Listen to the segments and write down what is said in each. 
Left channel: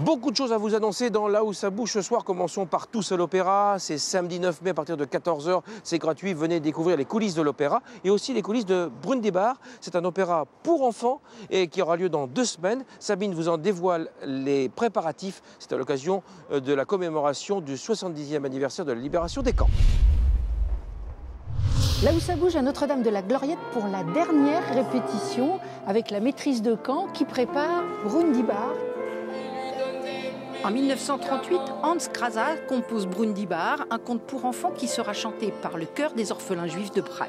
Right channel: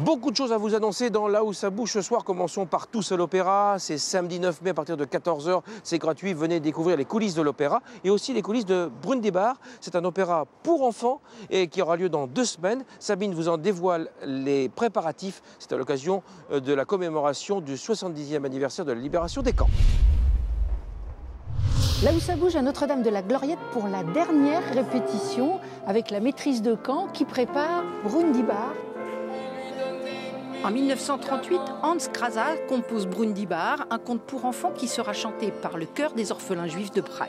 Beaucoup de choses à vous annoncer dans Là où ça bouge ce soir. Commençons par Tous à l'Opéra. C'est samedi 9 mai à partir de 14 h. C'est gratuit. Venez découvrir les coulisses de l'opéra et aussi les coulisses de Brundibar. C'est un opéra pour enfants et qui aura lieu dans 2 semaines. Sabine vous en dévoile les préparatifs. C'est à l'occasion de la commémoration du 70e anniversaire de la libération des camps. Là où ça bouge à Notre-Dame de la Gloriette pour la dernière répétition avec la maîtrise de camp qui prépare Brundibar. En 1938, Hans Krasa compose Brundibar, un conte pour enfants qui sera chanté par le chœur des orphelins juifs de Prague.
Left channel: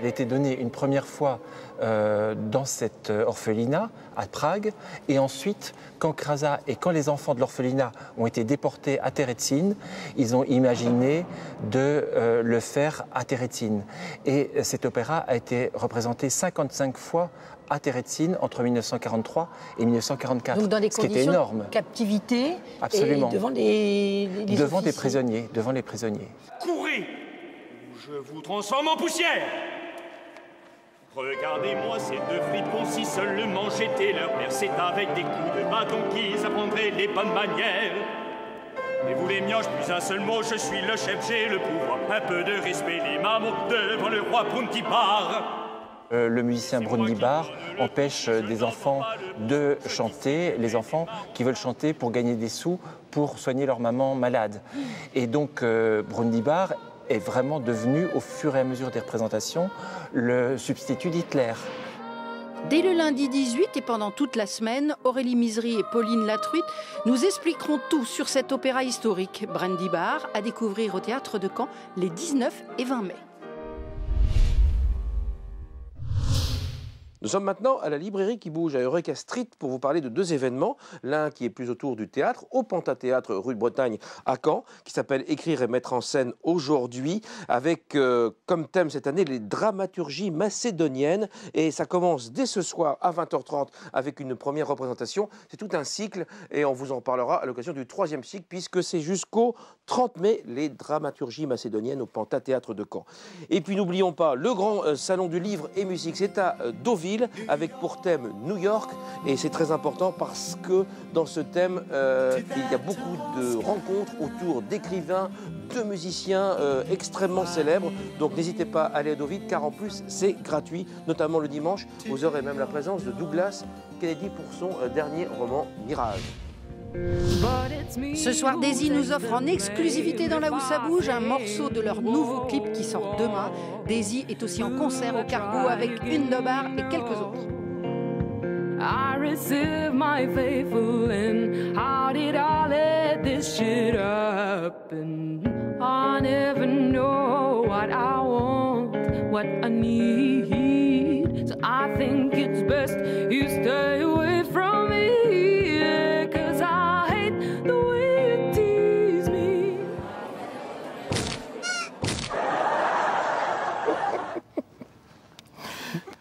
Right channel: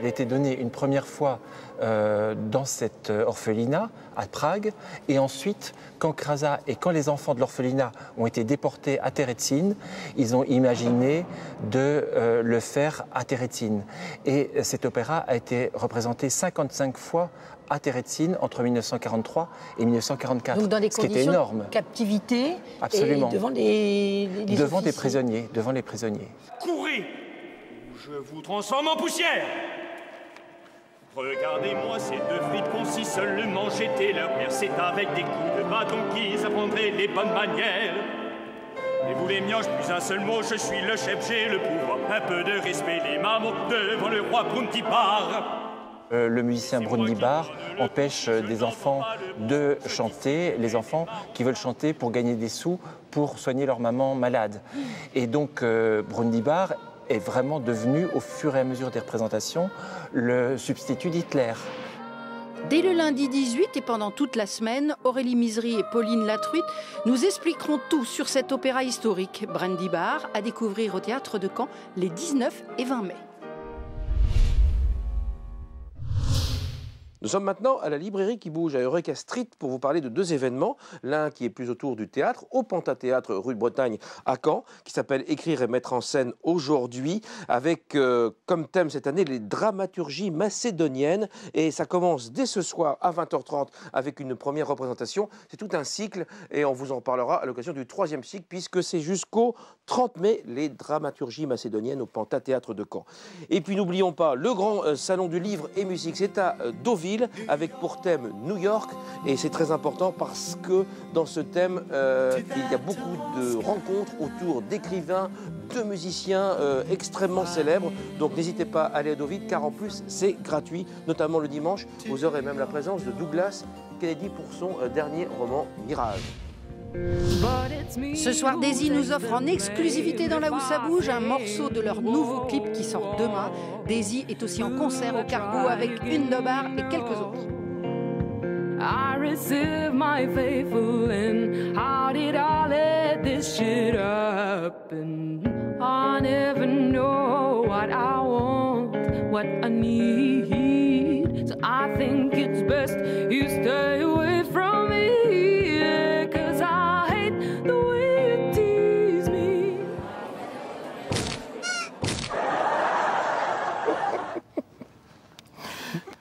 Il a été donné une première fois dans cet orphelinat à Prague, et ensuite, quand Krasa et quand les enfants de l'orphelinat ont été déportés à Terezin, ils ont imaginé de le faire à Terezin. Et cet opéra a été représenté 55 fois à Terezin entre 1943 et 1944, donc dans des ce qui était énorme. De captivité. Absolument. Et devant les prisonniers, devant les prisonniers. Courez, je vous transforme en poussière. Regardez-moi ces 2 fripons, si seulement j'étais leur père. C'est avec des coups de bâton qu'ils apprendraient les bonnes manières. Et vous les mioches, plus un seul mot, je suis le chef, j'ai le pouvoir. Un peu de respect, les mamours, devant le roi Brundibar. Le musicien Brundibar empêche des enfants de chanter, les enfants qui veulent chanter pour gagner des sous, pour soigner leur maman malade. Et donc Brundibar est vraiment devenu, au fur et à mesure des représentations, le substitut d'Hitler. Dès le lundi 18 et pendant toute la semaine, Aurélie Misery et Pauline Latruite nous expliqueront tout sur cet opéra historique, Brundibar, à découvrir au théâtre de Caen les 19 et 20 mai. Nous sommes maintenant à la librairie qui bouge à Eureka Street pour vous parler de 2 événements. L'un qui est plus autour du théâtre, au Pantathéâtre rue de Bretagne à Caen, qui s'appelle Écrire et mettre en scène aujourd'hui, avec comme thème cette année les dramaturgies macédoniennes. Et ça commence dès ce soir à 20 h 30 avec une première représentation. C'est tout un cycle et on vous en parlera à l'occasion du 3e cycle puisque c'est jusqu'au 30 mai les dramaturgies macédoniennes au Pantathéâtre de Caen. Et puis n'oublions pas le grand salon du livre et musique, c'est à Deauville, avec pour thème New York, et c'est très important parce que dans ce thème il y a beaucoup de rencontres autour d'écrivains, de musiciens extrêmement célèbres, donc n'hésitez pas à aller à Deauville car en plus c'est gratuit, notamment le dimanche. Vous aurez même la présence de Douglas Kennedy pour son dernier roman Mirage. Ce soir, Daisy nous offre en exclusivité dans Là où ça bouge un morceau de leur nouveau clip qui sort demain. Daisy est aussi en concert au Cargo avec une Dobar et quelques autres. I receive my faithful and how did I let this shit happen? I never know what I want, what I need. So I think it's best you stay away from me.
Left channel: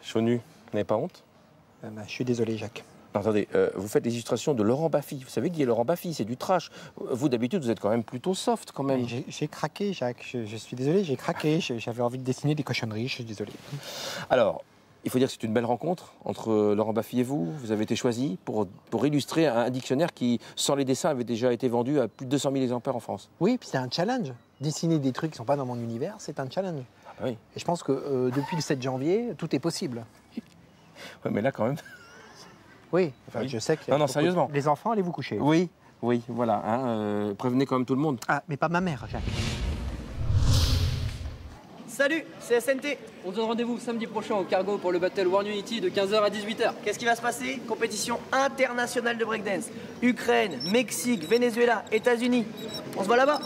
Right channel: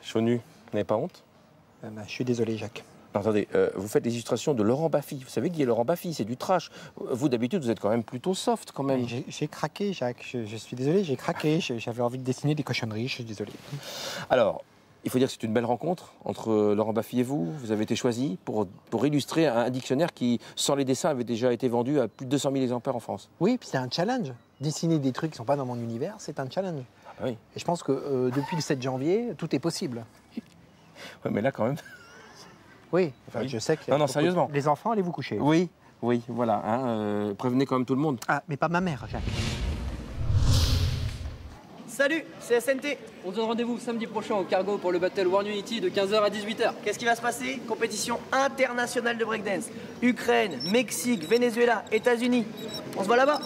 Chonu, vous n'avez pas honte? Je suis désolé, Jacques. Non, attendez, vous faites les illustrations de Laurent Baffy. Vous savez qui est Laurent Baffy? C'est du trash. Vous, d'habitude, vous êtes quand même plutôt soft, quand même. J'ai craqué, Jacques. Je suis désolé, j'ai craqué. J'avais envie de dessiner des cochonneries, je suis désolé. Alors, il faut dire que c'est une belle rencontre entre Laurent Baffy et vous. Vous avez été choisi pour illustrer un dictionnaire qui, sans les dessins, avait déjà été vendu à plus de 200 000 exemplaires en France. Oui, puis c'est un challenge. Dessiner des trucs qui ne sont pas dans mon univers, c'est un challenge. Ah oui. Et je pense que depuis le 7 janvier, tout est possible. Ouais, mais là, quand même... Oui, enfin, je sais que... Non, sérieusement. Les enfants, allez vous coucher. Oui, voilà. Prévenez quand même tout le monde. Ah, mais pas ma mère, Jacques. Salut, c'est SNT. On se donne rendez-vous samedi prochain au Cargo pour le Battle World Unity de 15 h à 18 h. Qu'est-ce qui va se passer? Compétition internationale de breakdance. Ukraine, Mexique, Venezuela, États-Unis. On se voit là-bas.